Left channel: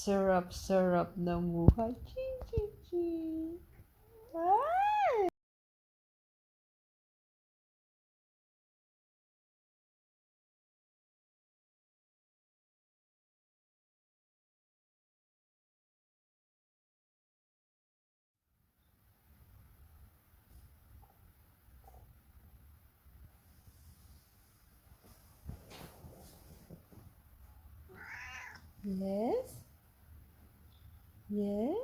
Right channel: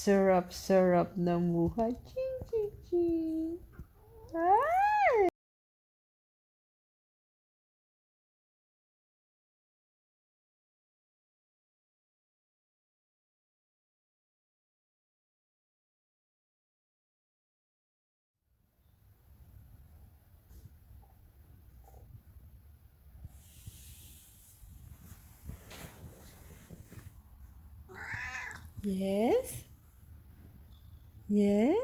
Sarap-sarap ng buhay. Ching, ching, ching. Ay! Yes? Yes?